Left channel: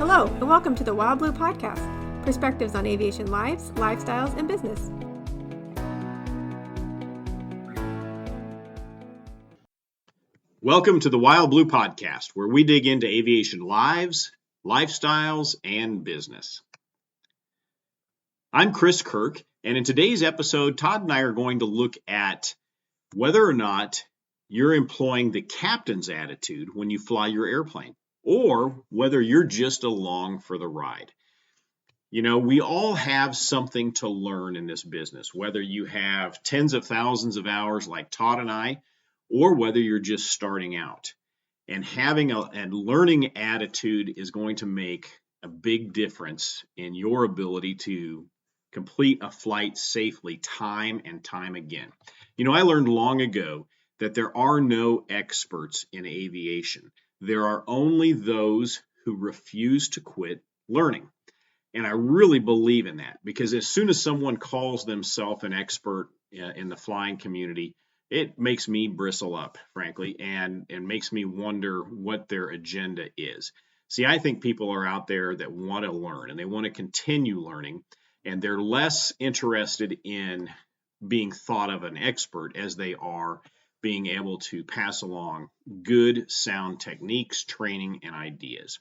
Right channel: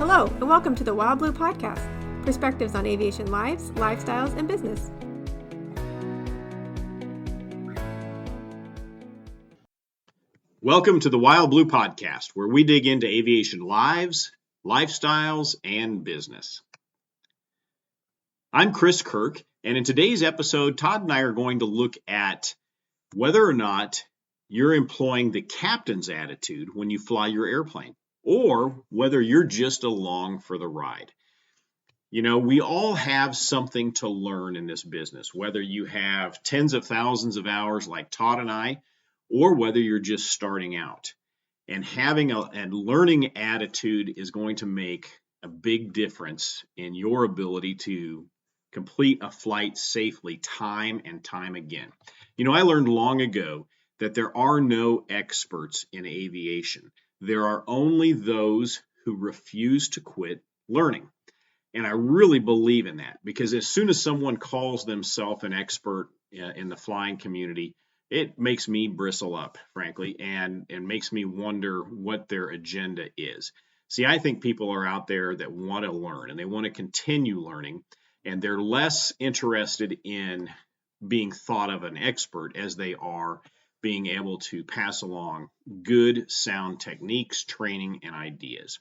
Hello, and welcome to the Wild Blue Podcast, perspectives on aviation lives, lifestyles, and business. Welcome to the Wild Blue Podcast, where we dig into aviation lives, lifestyles, and business. I'm Chris Kirk, and in today's episode, Todd and I are going to look at whether or not you're employing the captain's attitude when you fly your airplane, or whether you're just along for the ride. You know, we all have something to learn in this business, whether you have tens of thousands of hours like Todd and I, or whether you're just starting out. And having a learning attitude is going to make a big difference in your ability to complete a flight safely time and time again. You know, I learned long ago that there are no experts in aviation. There are only those who refuse to quit learning. And I really believe in that, because as soon as someone calls themselves an expert in the flying community, it makes me bristle up, frankly, and makes me wonder what their agenda is. See, I think people are out there that want to learn and they want to continue learning, and they're less interested in being thought of an expert as they are being able to pass along good, sound techniques, training, and ideas.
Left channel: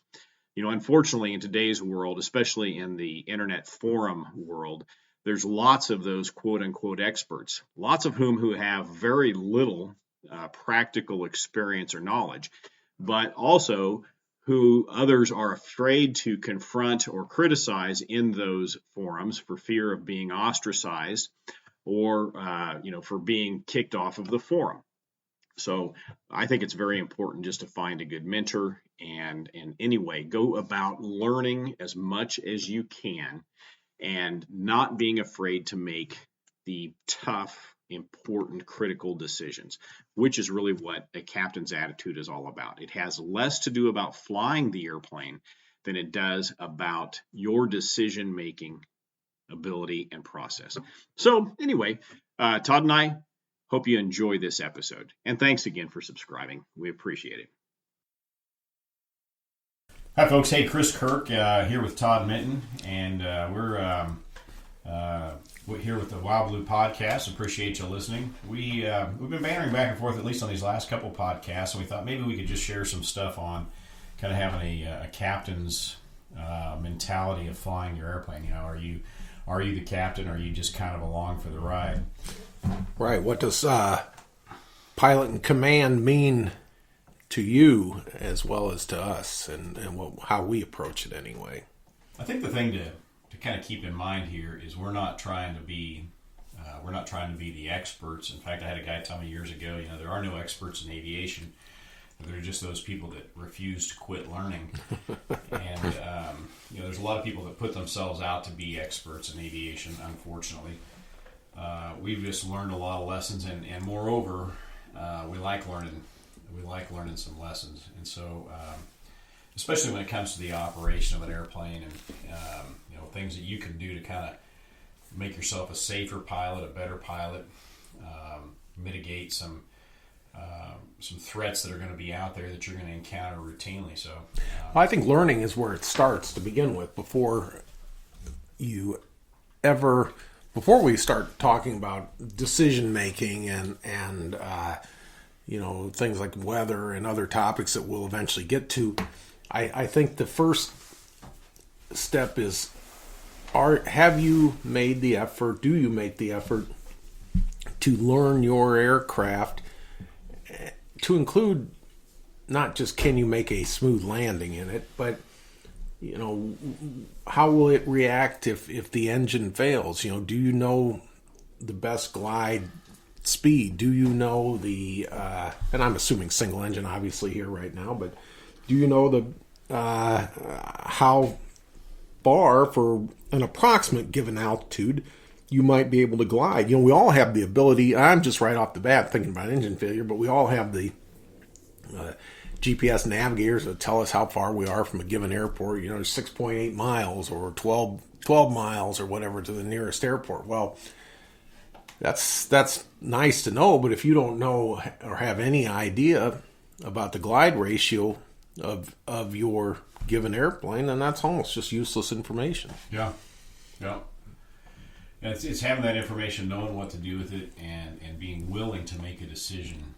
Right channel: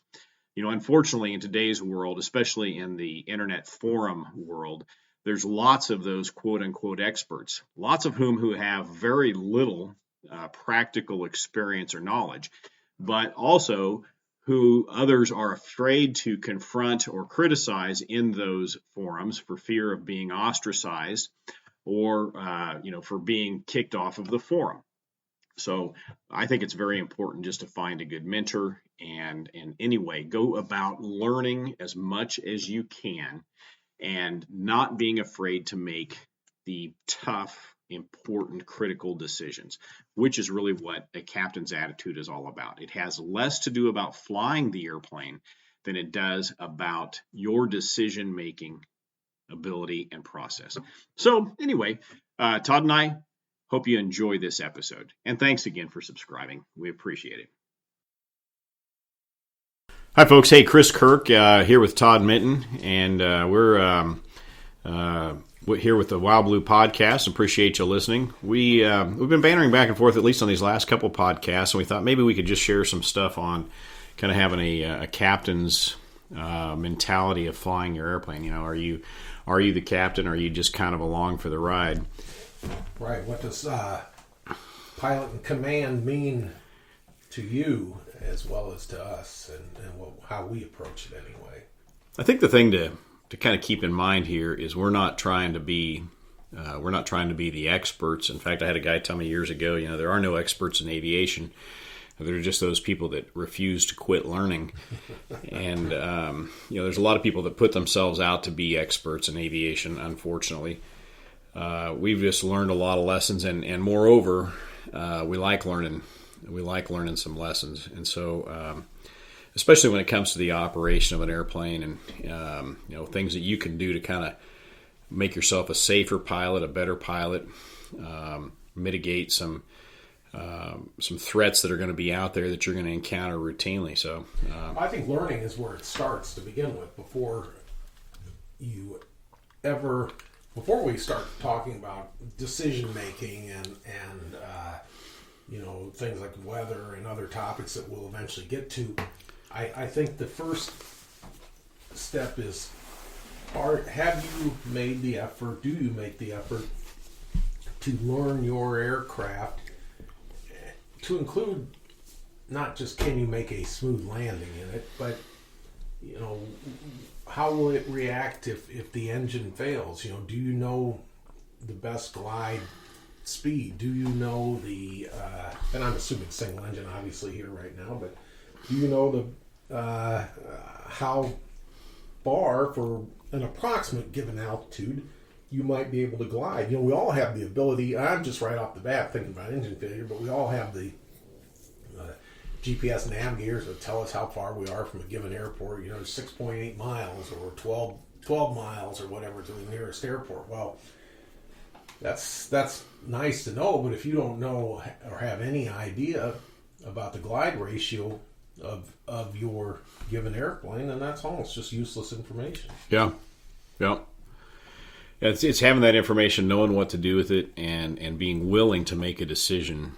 You know, unfortunately, in today's world, especially in the internet forum world, there's lots of those quote-unquote experts, lots of who have very little practical experience or knowledge, but also who others are afraid to confront or criticize in those forums for fear of being ostracized or, for being kicked off of the forum. So I think it's very important just to find a good mentor and anyway, go about learning as much as you can and not being afraid to make the tough, important, critical decisions, which is really what a captain's attitude is all about. It has less to do about flying the airplane than it does about your decision-making ability and process. So anyway, Todd and I hope you enjoy this episode. And thanks again for subscribing. We appreciate it. Hi, folks. Hey, Chris Kirk here with Todd Minton. And we're here with the Wild Blue Podcast. Appreciate you listening. We've been bantering back and forth, at least on these last couple podcasts. And we thought maybe we could just share some stuff on kind of having a captain's mentality of flying your airplane. You know, are you the captain, or are you just kind of along for the ride? Right. What does pilot in command mean to you as well as to us, and how we approach it anyway? I think the thing to kind of keep in mind here is we're not trying to be the experts. In fact, I had a guy tell me years ago, you know, there are no experts in aviation. They're just those people that refuse to quit learning. And there's a lot of people that put themselves out to be experts in aviation, unfortunately. We've just learned a lot of lessons, and moreover, we like learning some lessons. And so, especially when it comes to the operation of an airplane and, things that you can do to kind of make yourself a safer pilot, a better pilot, mitigate some threats that are going to be out there that you're going to encounter routinely. So, I think learning is where it starts to begin with. Before we start talking about decision making and things like weather and other topics that we'll eventually get to, I think the first step is, have you made the effort? Do you make the effort to learn your aircraft, to include not just can you make a smooth landing in it, but how will it react if the engine fails? You know, do you know the best glide speed? Do you know and I'm assuming single engine obviously here right now, but do you know how far, for an approximate given altitude, you might be able to glide? You know, we all have the ability. I'm just right off the bat thinking about engine failure, but we all have the GPS navigators that tell us how far we are from a given airport, 6.8 miles or 12 miles or whatever to the nearest airport. Well, that's nice to know, but if you don't know or have any idea about the glide ratio of your given airplane, then that's almost just useless information. Yeah. It's having that information, knowing what to do with it, and being willing to make a decision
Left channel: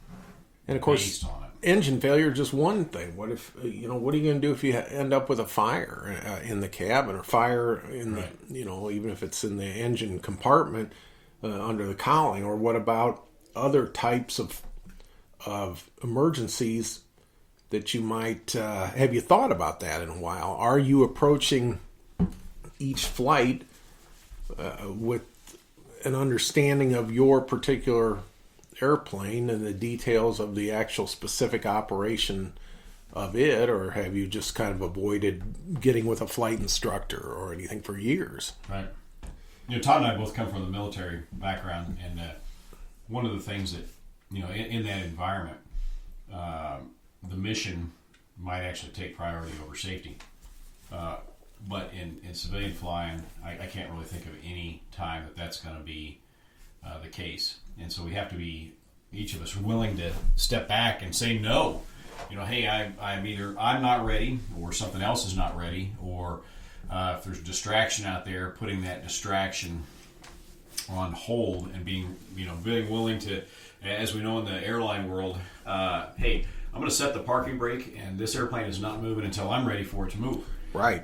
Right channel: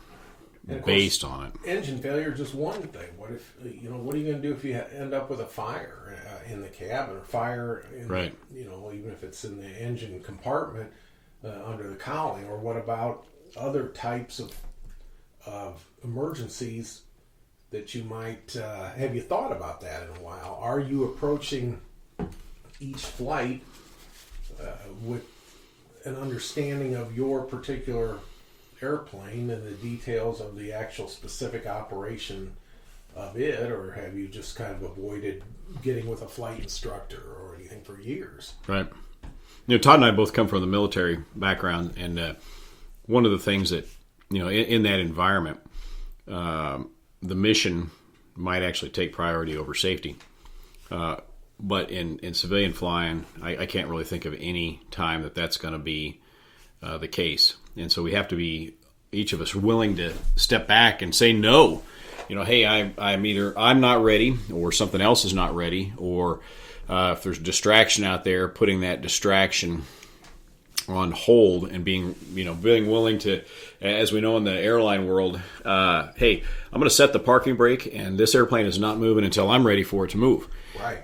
and of course, based on it. Engine failure is just one thing. What if what are you going to do if you end up with a fire in the cabin, or fire in right. the, even if it's in the engine compartment under the cowling, or what about other types of emergencies that you might have you thought about that in a while? Are you approaching each flight with an understanding of your particular airplane and the details of the actual specific operation of it, or have you just kind of avoided getting with a flight instructor or anything for years? Right. Todd and I both come from the military background, and one of the things that, in that environment, the mission might actually take priority over safety. But in civilian flying, I can't really think of any time that's going to be the case. And so we have to be, each of us, willing to step back and say no. Hey, I'm not ready, or something else is not ready, or if there's distraction out there, putting that distraction on hold and being willing to, as we know in the airline world, hey, I'm going to set the parking brake, and this airplane is not moving until I'm ready for it to move. Right.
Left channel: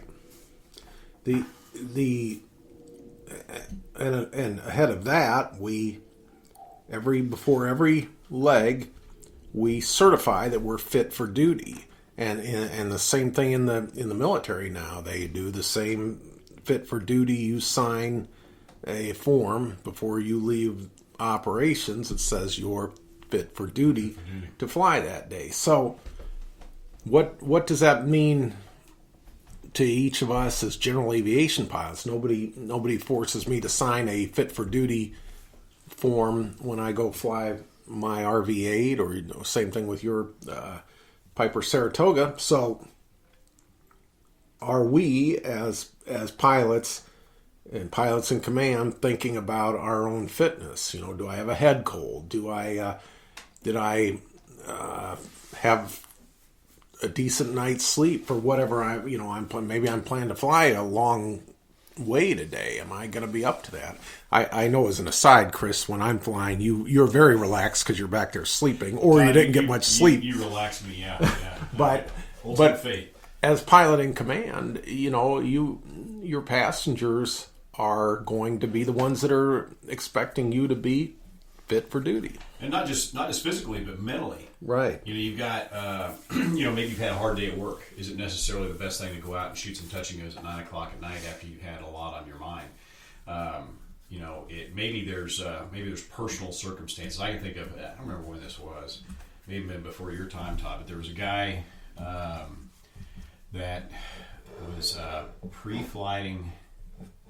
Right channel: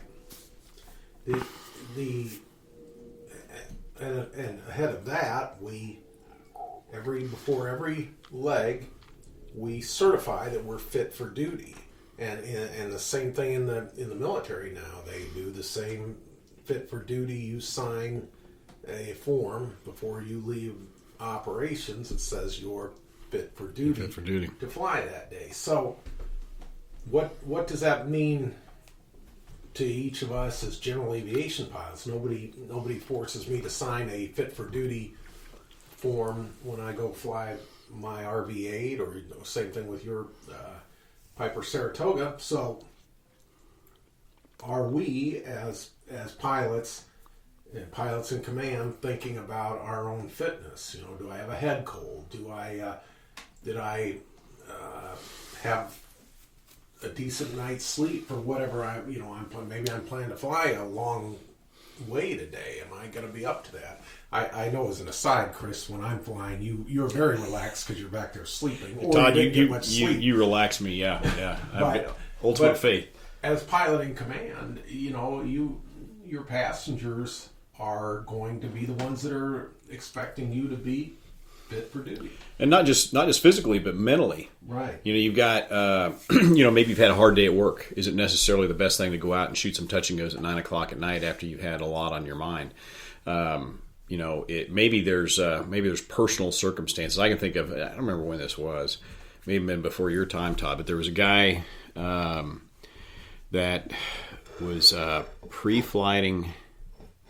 And ahead of that, before every leg, we certify that we're fit for duty. And the same thing in the military now. They do the same fit for duty. You sign a form before you leave operations that says you're fit for duty to fly that day. So what does that mean to each of us as general aviation pilots? Nobody forces me to sign a fit for duty form when I go fly my RV-8, or same thing with your Piper Saratoga. So are we as pilots and pilots in command thinking about our own fitness? Do I have a head cold? Did I have a decent night's sleep for whatever maybe I'm planning to fly a long way today. Am I going to be up to that? I know, as an aside, Chris, when I'm flying, you're very relaxed because you're back there sleeping, or you didn't get much sleep. You relax me, yeah. But ultimate faith. As pilot in command, your passengers are going to be the ones that are expecting you to be fit for duty, and not just physically, but mentally. Right. You've got maybe you've had a hard day at work. Is it necessarily the best thing to go out and shoot some touch and goes at 9:00 at night after you've had a lot on your mind? Maybe there's personal circumstances. I can think of, I don't remember when this was, maybe been before your time, Todd, but there was a guy that was pre-flighting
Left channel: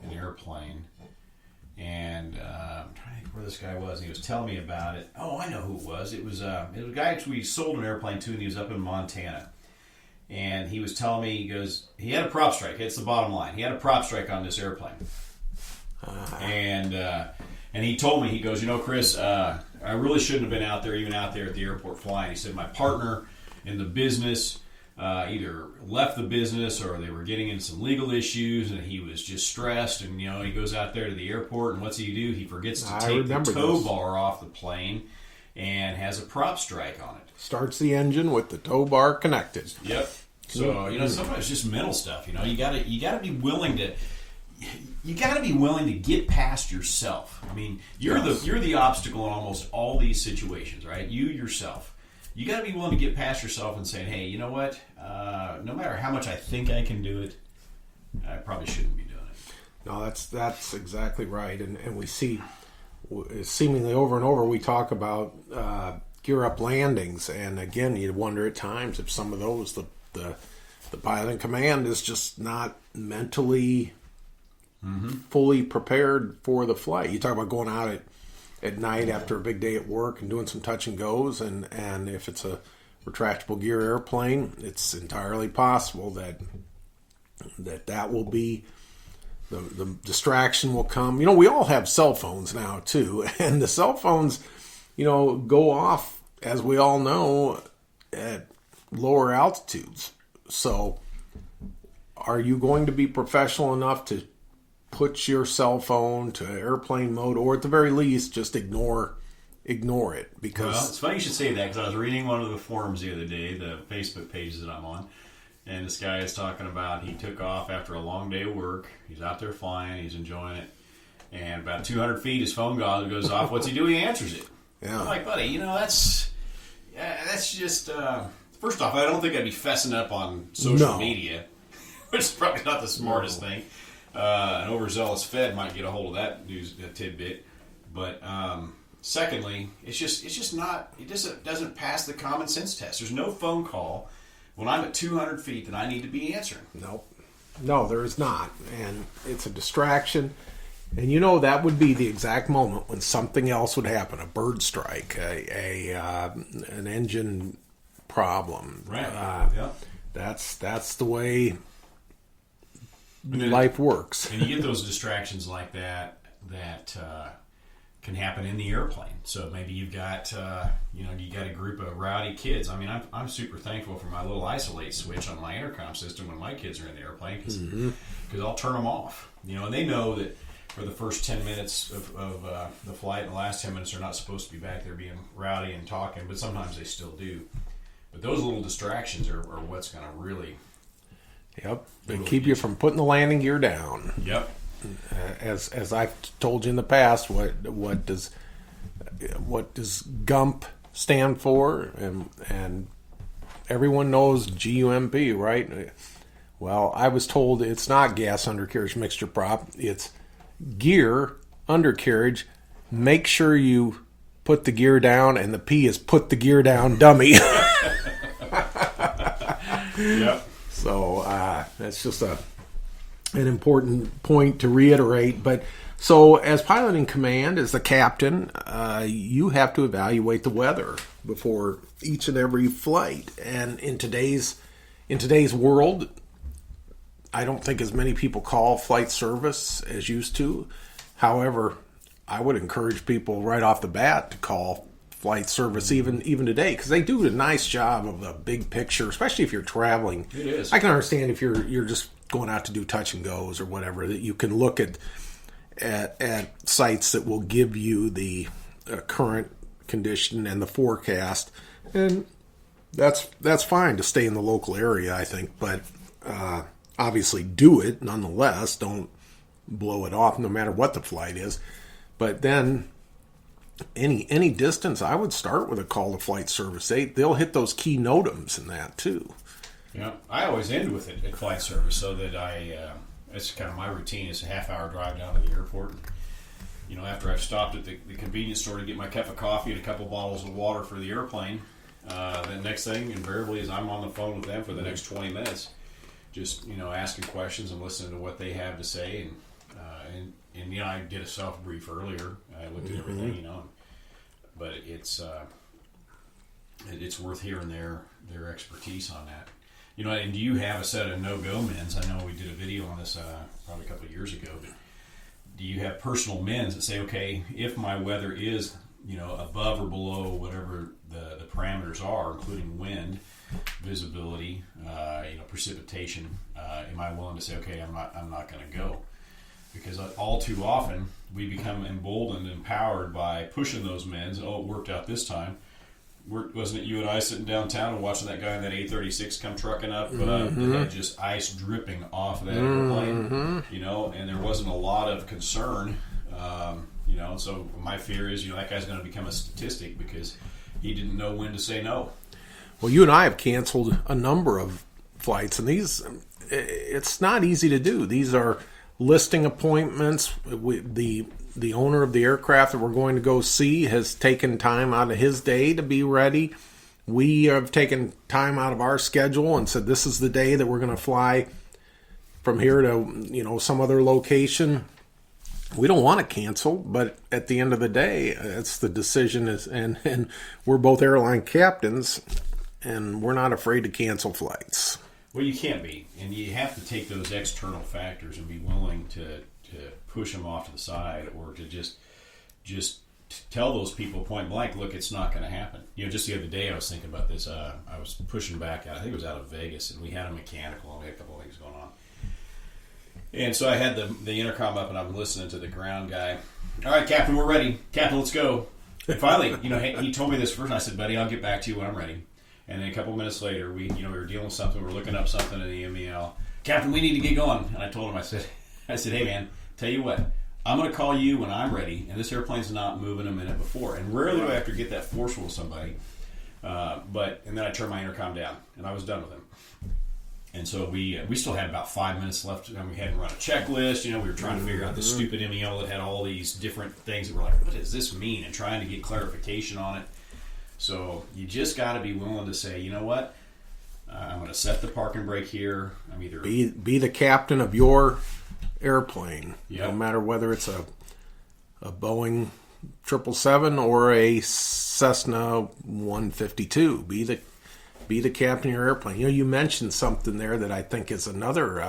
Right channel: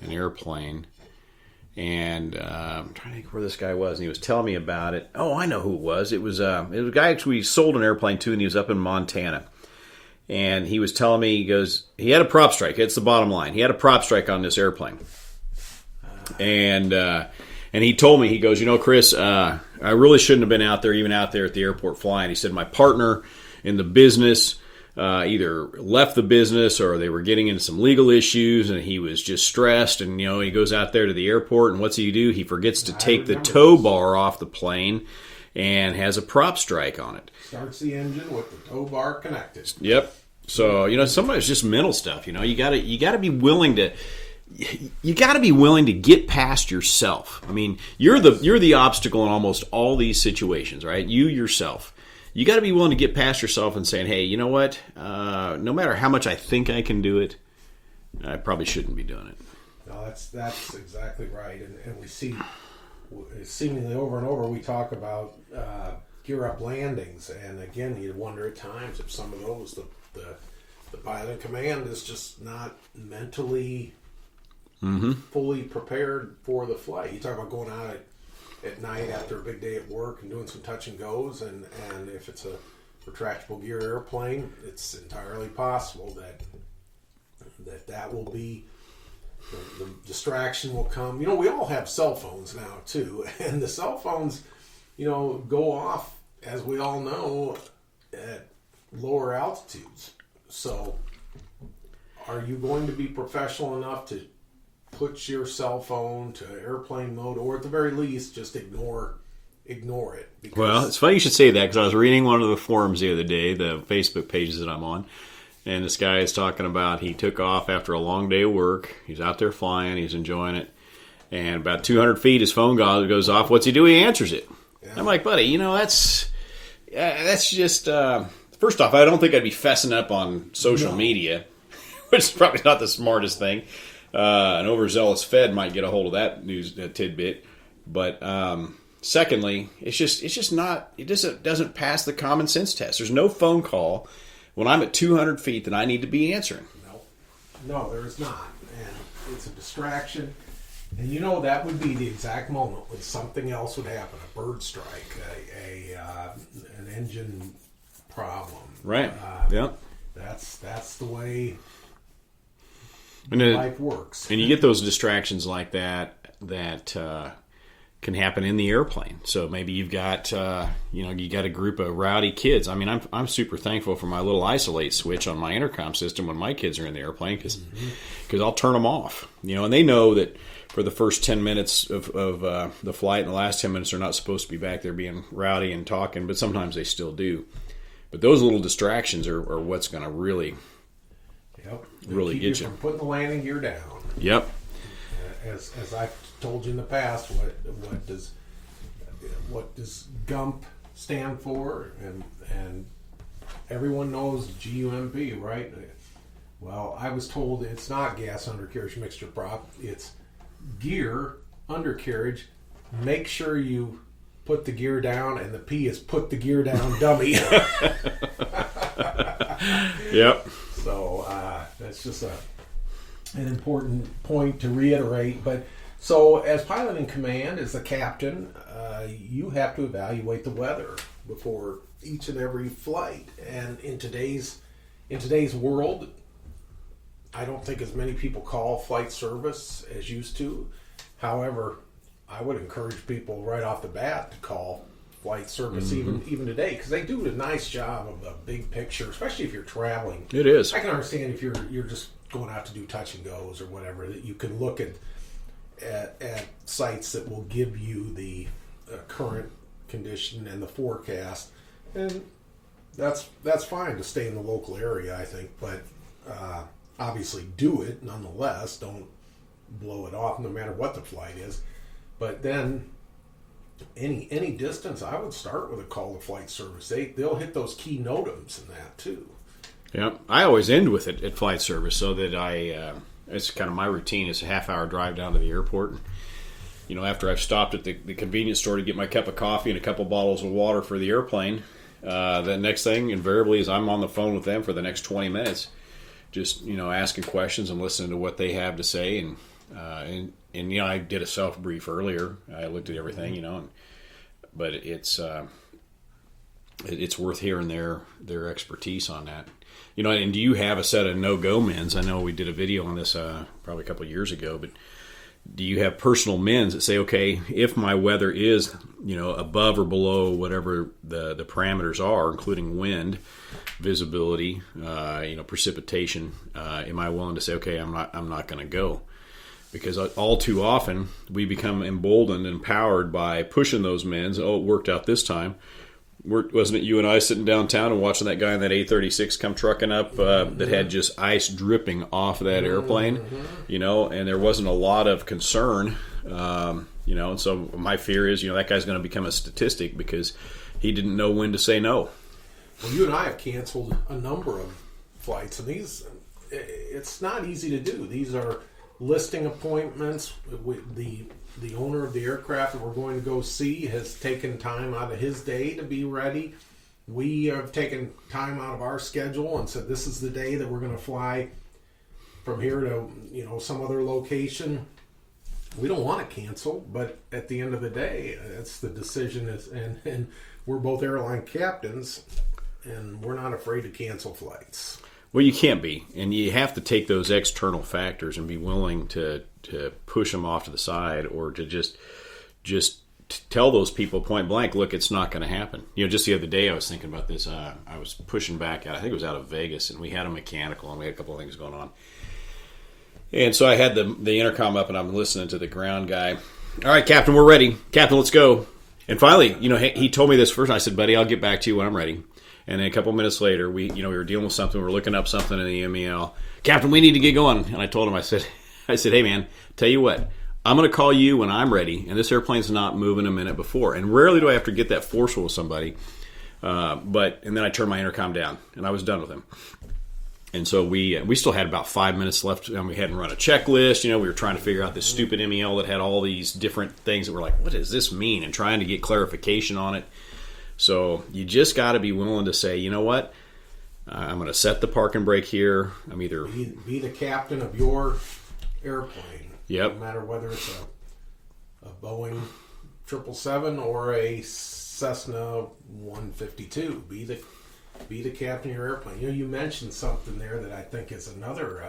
an airplane. And I'm trying to think where this guy was, and he was telling me about it. Oh, I know who it was. It was a guy we sold an airplane to, and he was up in Montana. And he was telling me, he had a prop strike. It's the bottom line. He had a prop strike on this airplane. And he told me, he goes, Chris, I really shouldn't have been out there at the airport flying. He said, my partner in the business either left the business or they were getting into some legal issues, and he was just stressed. And he goes out there to the airport, and what's he do? He forgets to take the tow bar off the plane and has a prop strike on it. Starts the engine with the tow bar connected. Yep. So sometimes it's just mental stuff. You gotta be willing to. You got to be willing to get past yourself. I mean, you're the obstacle in almost all these situations, right? You yourself. You got to be willing to get past yourself and saying, hey, you know what? No matter how much I think I can do it, I probably shouldn't be doing it. No, that's exactly right. And we see, seemingly over and over, we talk about gear up landings. And again, you wonder at times if some of those, the pilot in command is just not mentally fully prepared for the flight. You talk about going out at night after a big day at work and doing some touch and goes, and if it's a retractable gear airplane, it's entirely possible that will be the distraction will come. We all have cell phones now too, and the cell phones go off, as we all know, at lower altitudes. So are you going to be professional enough to put your cell phone to airplane mode, or at the very least just ignore it? Because Well, it's funny you should say that, because I was reading one of the forums the other day, the Facebook pages that I'm on, and this guy is talking about he took off after a long day of work. He's out there flying. He's enjoying it. And about 200 feet, his phone goes off. What's he do? He answers it. Yeah. I'm like, buddy, that's just... first off, I don't think I'd be fessing up on social media, which is probably not the smartest thing. An overzealous Fed might get a hold of that news tidbit. But secondly, it's just not... It doesn't pass the common sense test. There's no phone call when I'm at 200 feet that I need to be answering. No, there is not. And it's a distraction. And that would be the exact moment when something else would happen. A bird strike, an engine problem. Right. Yeah. That's the way And life works. And you get those distractions like that can happen in the airplane. So maybe you've got you got a group of rowdy kids. I mean, I'm super thankful for my little isolate switch on my intercom system when my kids are in the airplane, because I'll turn them off. And they know that for the first 10 minutes of the flight and the last 10 minutes, they're not supposed to be back there being rowdy and talking, but sometimes they still do. But those little distractions are what's going to really... Yep. They really keep you from putting the landing gear down. Yep. As I've told you in the past, what does GUMP stand for? And everyone knows GUMP, right? Well, I was told it's not gas undercarriage mixture prop. It's gear undercarriage. Make sure you put the gear down, and the P is put the gear down, dummy. Yep. So that's just an important point to reiterate. But so as pilot in command, as the captain, you have to evaluate the weather before each and every flight. And in today's world, I don't think as many people call flight service as used to. However, I would encourage people right off the bat to call flight service even today, because they do a nice job of the big picture, especially if you're traveling. It is. I can understand if you're just going out to do touch and goes or whatever, that you can look at sites that will give you the current condition and the forecast, and that's fine to stay in the local area, I think. But obviously do it nonetheless. Don't blow it off no matter what the flight is. But then any distance, I would start with a call to flight service. They'll hit those key NOTAMs in that too. Yeah, I always end with it at flight service, so that it's kind of my routine. Is a half-hour drive down to the airport. And, after I've stopped at the convenience store to get my cup of coffee and a couple bottles of water for the airplane, the next thing invariably is I'm on the phone with them for the next 20 minutes, just asking questions and listening to what they have to say. And I did a self brief earlier. I looked at everything, but it's worth hearing their expertise on that. And do you have a set of no-go mins? I know we did a video on this probably a couple of years ago, but do you have personal mins that say, okay, if my weather is, above or below whatever the parameters are, including wind, visibility, precipitation, am I willing to say, okay, I'm not going to go? Because all too often we become emboldened and empowered by pushing those mins. Oh, it worked out this time. Wasn't it you and I sitting downtown and watching that guy in that 836 come trucking up that had just ice dripping off that airplane, and there wasn't a lot of concern, and so my fear is, that guy's going to become a statistic because he didn't know when to say no. Well, you and I have canceled a number of flights, and it's not easy to do. These are listing appointments. The owner of the aircraft that we're going to go see has taken time out of his day to be ready. We have taken time out of our schedule and said this is the day that we're going to fly from here to some other location. We don't want to cancel, but at the end of the day, it's the decision and we're both airline captains, and we're not afraid to cancel flights. Well, you can't be, and you have to take those external factors and be willing to push them off to the side, or to just tell those people point blank, look, it's not going to happen. Just the other day I was thinking about this. I was pushing back out. I think it was out of Vegas, and we had a mechanical, and we had a couple of things going on. And so I had the intercom up, and I'm listening to the ground guy. All right, Captain, we're ready. Captain, let's go. And finally, he told me this first. And I said, buddy, I'll get back to you when I'm ready. And then a couple minutes later, we were dealing with something. We were looking up something in the MEL. Captain, we need to get going. And I told him, I said, hey, man, tell you what, I'm going to call you when I'm ready. And this airplane's not moving a minute before. And rarely do I have to get that forceful with somebody. And then I turned my intercom down, and I was done with him. And so we still had about 5 minutes left, and we hadn't run a checklist. We were trying to figure out this stupid MEL that had all these different things that were like, what does this mean? And trying to get clarification on it. So you just got to be willing to say, you know what? I'm going to set the park and brake here. I'm either... Be the captain of your airplane. Yep. No matter whether it's a Boeing 777 or a Cessna 152. Be the captain of your airplane. You mentioned something there that I think is another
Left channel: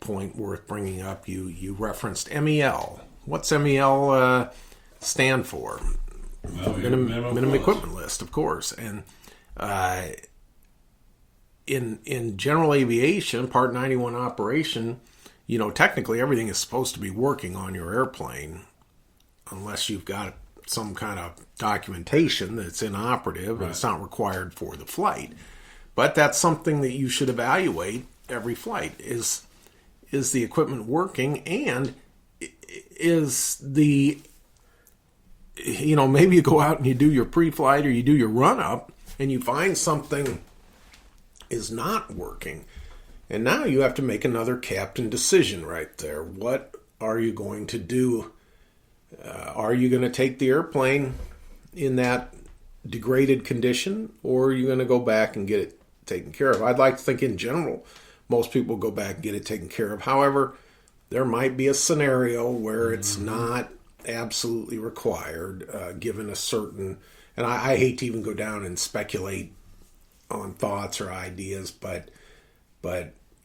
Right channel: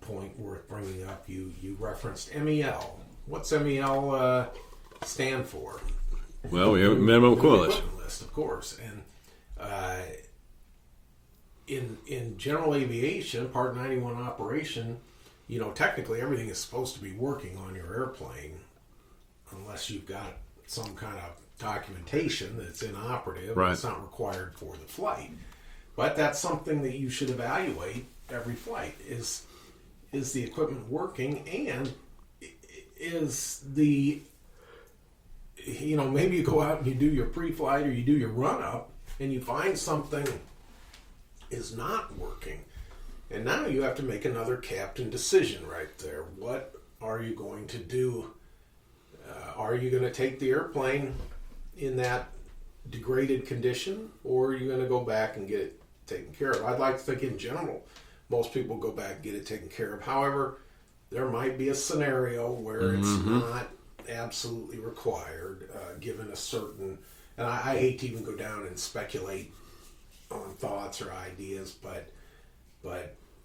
point worth bringing up. You referenced MEL. What's MEL stand for? Well, we have a minimum equipment list, of course. And in general aviation, Part 91 operation, technically everything is supposed to be working on your airplane unless you've got some kind of documentation that's inoperative and it's not required for the flight. But that's something that you should evaluate every flight. Is the equipment working, and is the maybe you go out and you do your pre-flight or you do your run-up and you find something is not working. And now you have to make another captain decision right there. What are you going to do? Are you going to take the airplane in that degraded condition, or are you going to go back and get it taken care of? I'd like to think in general, most people go back and get it taken care of. However, there might be a scenario where it's not absolutely required, given a certain, and I hate to even go down and speculate on thoughts or ideas, but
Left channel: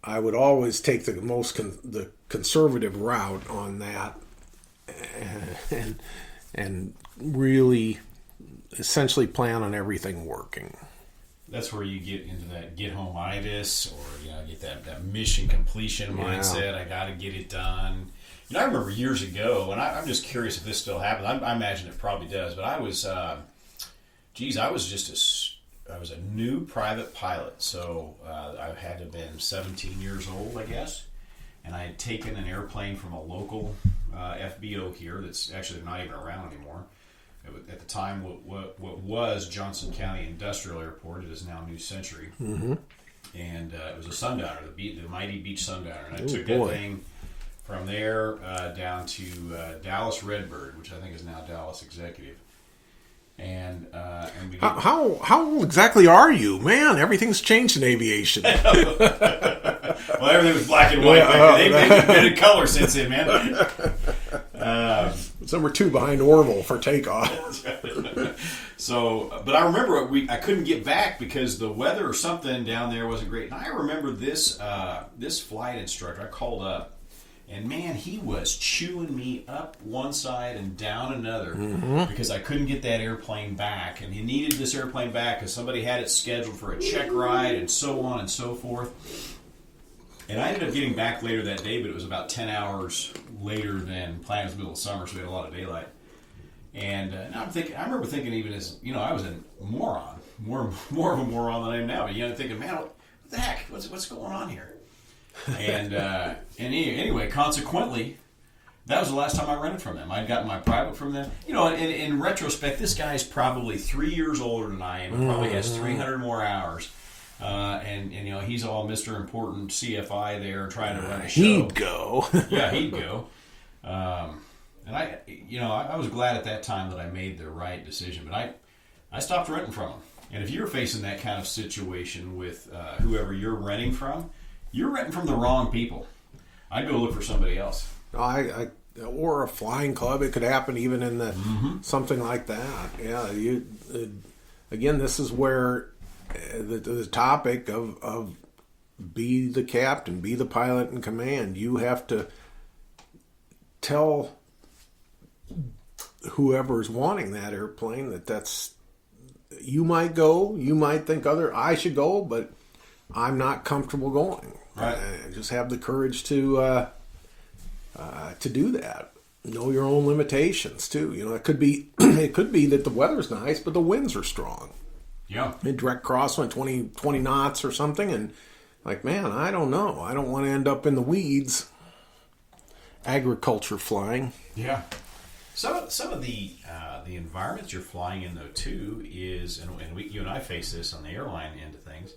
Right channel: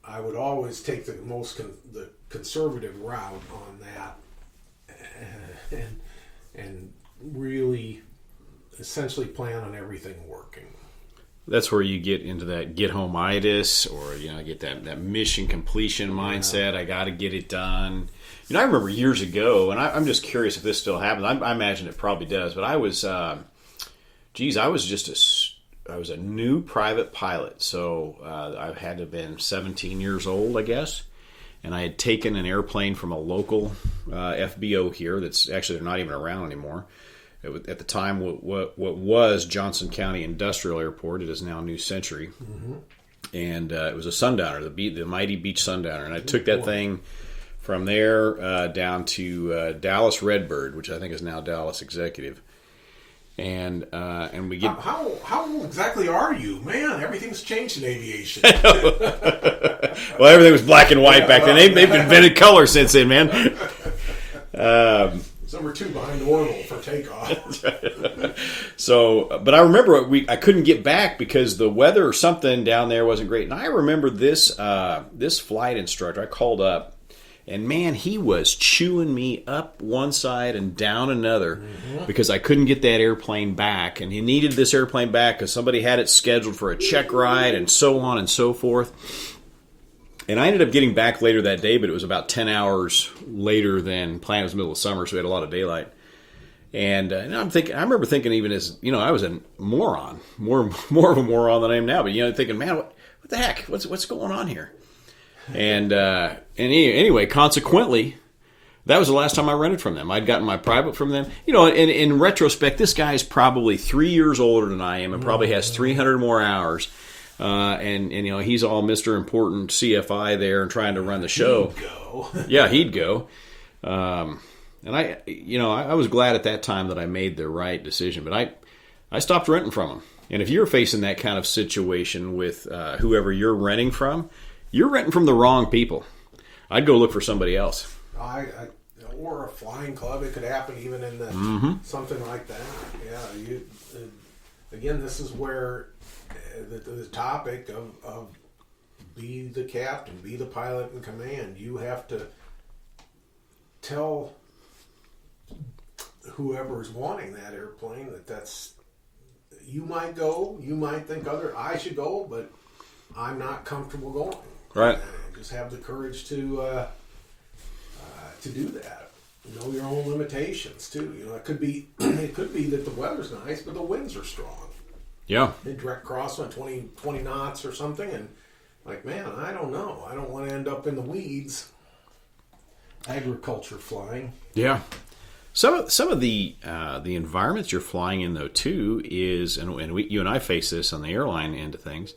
I would always take the conservative route on that, and really essentially plan on everything working. That's where you get into that get home-itis, or get that mission completion mindset. I got to get it done. I remember years ago, and I'm just curious if this still happens. I imagine it probably does, but I was, I was a new private pilot, so I had to have been 17 years old, I guess, and I had taken an airplane from a local FBO here that's actually they're not even around anymore. At the time, what was Johnson County Industrial Airport, it is now New Century, and it was a Sundowner, the mighty Beech Sundowner, and I took that thing from there down to Dallas Redbird, which I think is now Dallas Executive. And we get how exactly are you, man? Everything's changed in aviation. Well, everything was black and white back then. They've invented color since then, man. Some were two behind Orville for takeoff. So, but I remember I couldn't get back because the weather or something down there wasn't great. And I remember this flight instructor I called up. And man, he was chewing me up one side and down another because I couldn't get that airplane back. And he needed this airplane back because somebody had it scheduled for a check ride and so on and so forth. And I ended up getting back later that day, but it was about 10 hours later than planned. It was the middle of summer, so we had a lot of daylight. And I remember thinking even as, I was a moron, more of a moron than I am now. But, thinking, man, what the heck? What's going on here? And anyway, consequently, that was the last time I rented from them. I'd gotten my private from them. In retrospect, this guy's probably 3 years older than I am and probably has 300 more hours. And he's all Mr. Important CFI there and trying to run the show. He'd go. Yeah, he'd go. And I was glad at that time that I made the right decision. But I stopped renting from them. And if you're facing that kind of situation with whoever you're renting from, you're renting from the wrong people. I'd go look for somebody else. Or a flying club. It could happen even in something like that. Yeah. Again, this is where the topic of be the captain, be the pilot in command. You have to tell whoever's wanting that airplane, that's you might go, you might think I should go, but I'm not comfortable going. Right. And just have the courage to do that. Know your own limitations too. It could be that the weather's nice, but the winds are strong. Yeah. In direct crosswind, 20 knots or something, and like, man, I don't know. I don't want to end up in the weeds. Agriculture flying. Yeah. Some of the environments you're flying in though too is, and you and I face this on the airline end of things,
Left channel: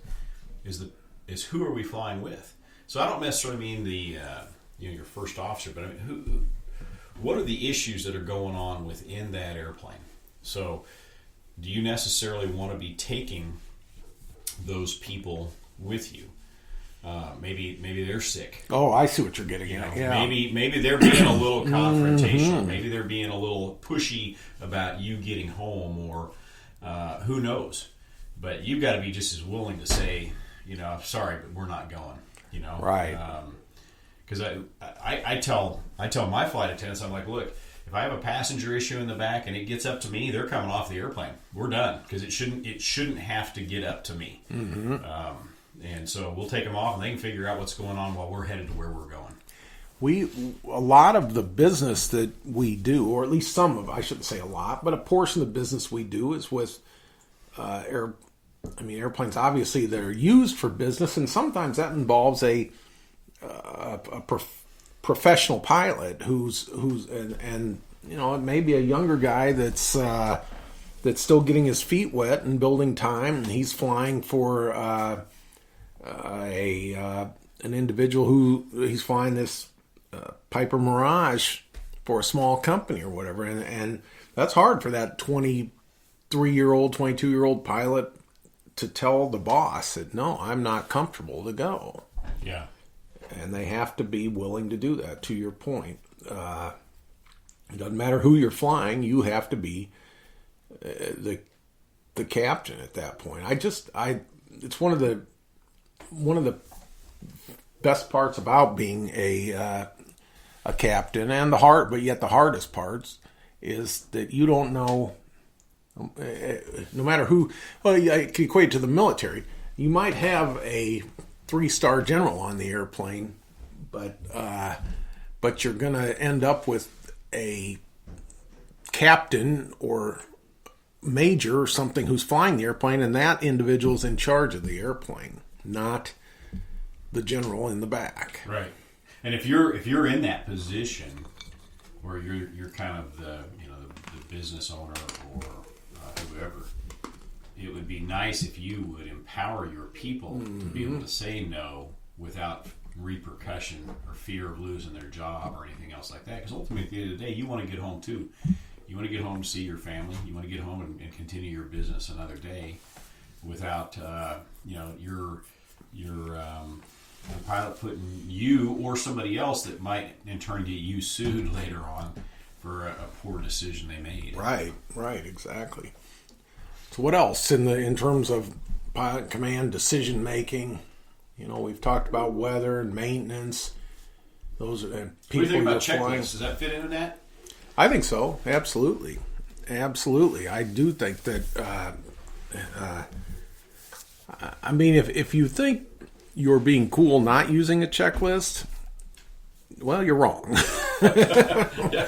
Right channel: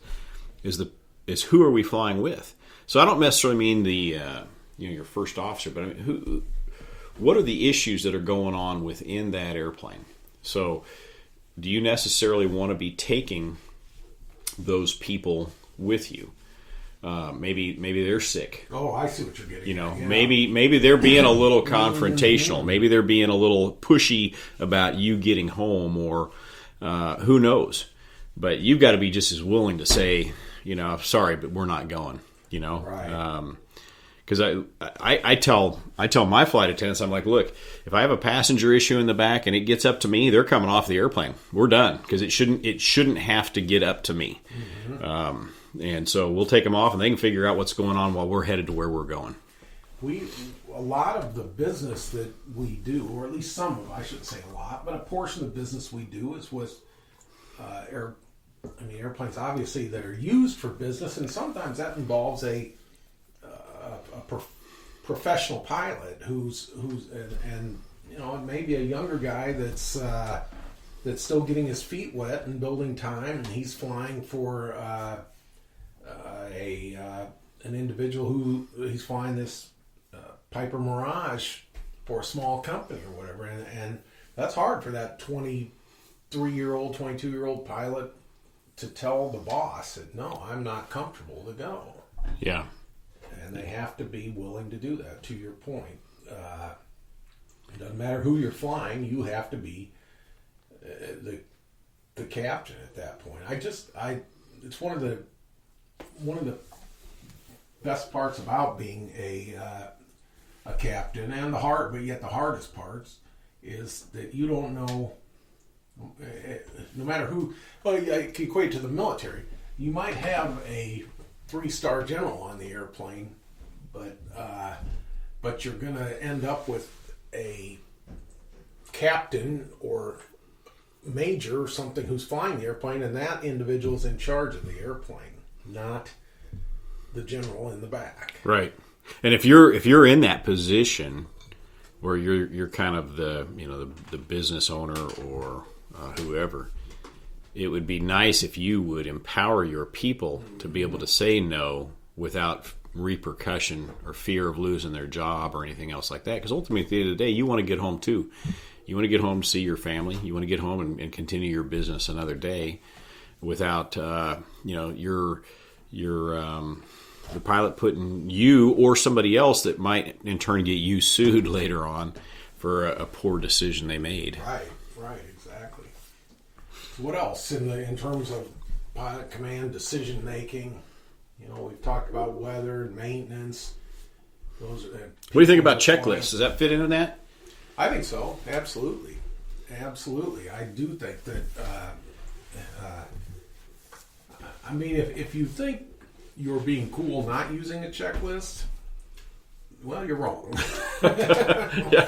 is who are we flying with? So I don't necessarily mean the your first officer, but I mean what are the issues that are going on within that airplane? So do you necessarily want to be taking those people with you? Maybe they're sick. Oh, I see what you're getting at. Yeah. Maybe they're being a little confrontational. Maybe they're being a little pushy about you getting home, or who knows. But you've got to be just as willing to say, sorry, but we're not going. Right. Because I tell my flight attendants, I'm like, look, if I have a passenger issue in the back and it gets up to me, they're coming off the airplane. We're done, because it shouldn't have to get up to me. Mm-hmm. And so we'll take them off, and they can figure out what's going on while we're headed to where we're going. A lot of the business that we do, or at least some of, I shouldn't say a lot, but a portion of the business we do is with airplanes. Obviously, they're used for business, and sometimes that involves a professional pilot who's and it may be a younger guy that's still getting his feet wet and building time, and he's flying for an individual who he's flying this Piper Mirage for a small company or whatever, and that's hard for that 23-year-old, 22-year-old pilot to tell the boss that, no, I'm not comfortable to go. Yeah. And they have to be willing to do that, to your point. It doesn't matter who you're flying, you have to be the captain at that point. It's one of the best parts about being a captain, and but yet the hardest parts is that you don't know, no matter who. Well, I can equate it to the military. You might have a 3-star general on the airplane, but you're going to end up with a captain or major or something who's flying the airplane, and that individual's in charge of the airplane, not the general in the back. Right. And if you're in that position where you're kind of the business owner or whoever, it would be nice if you would empower your people to be able to say no without repercussion or fear of losing their job or anything else like that. Because ultimately, at the end of the day, you want to get home too. You want to get home to see your family. You want to get home and continue your business another day without the pilot putting you or somebody else that might in turn get you sued later on for a poor decision they made. Right, exactly. So what else in terms of pilot command decision making? We've talked about weather and maintenance. What do you think about checklists? Does that fit into that? I think so. Absolutely. I do think that. If you think you're being cool not using a checklist, well, you're wrong. Yeah.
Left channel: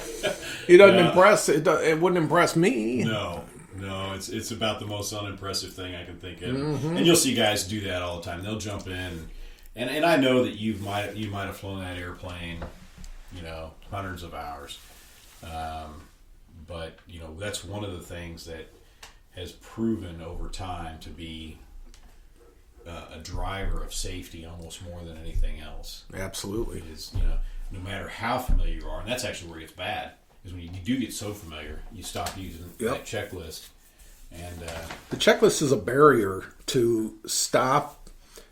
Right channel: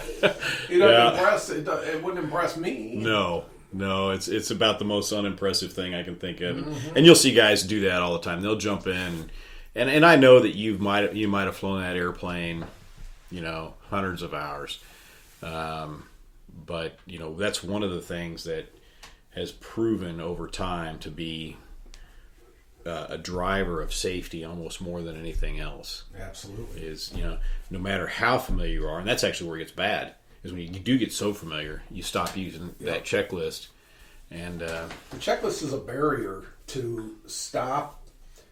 It doesn't impress. It wouldn't impress me. No, it's about the most unimpressive thing I can think of, and you'll see guys do that all the time. They'll jump in, and I know that you might have flown that airplane, hundreds of hours, but that's one of the things that has proven over time to be a driver of safety almost more than anything else. Absolutely, is no matter how familiar you are, and that's actually where it gets bad. Is when you do get so familiar, you stop using that checklist. And the checklist is a barrier to stop.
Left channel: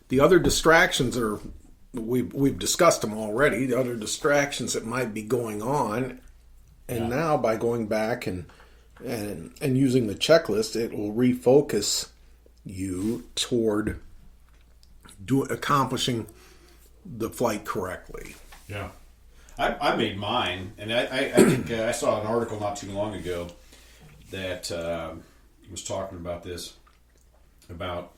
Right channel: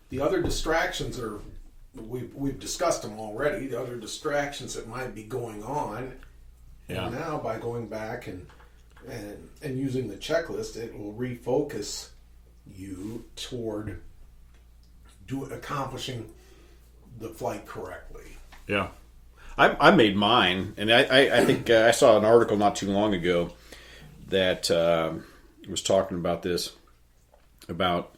The other distractions we've discussed them already. The other distractions that might be going on, and now by going back and using the checklist, it will refocus you toward accomplishing the flight correctly. Yeah. I made mine, and I think I saw an article not too long ago that was talking about this, about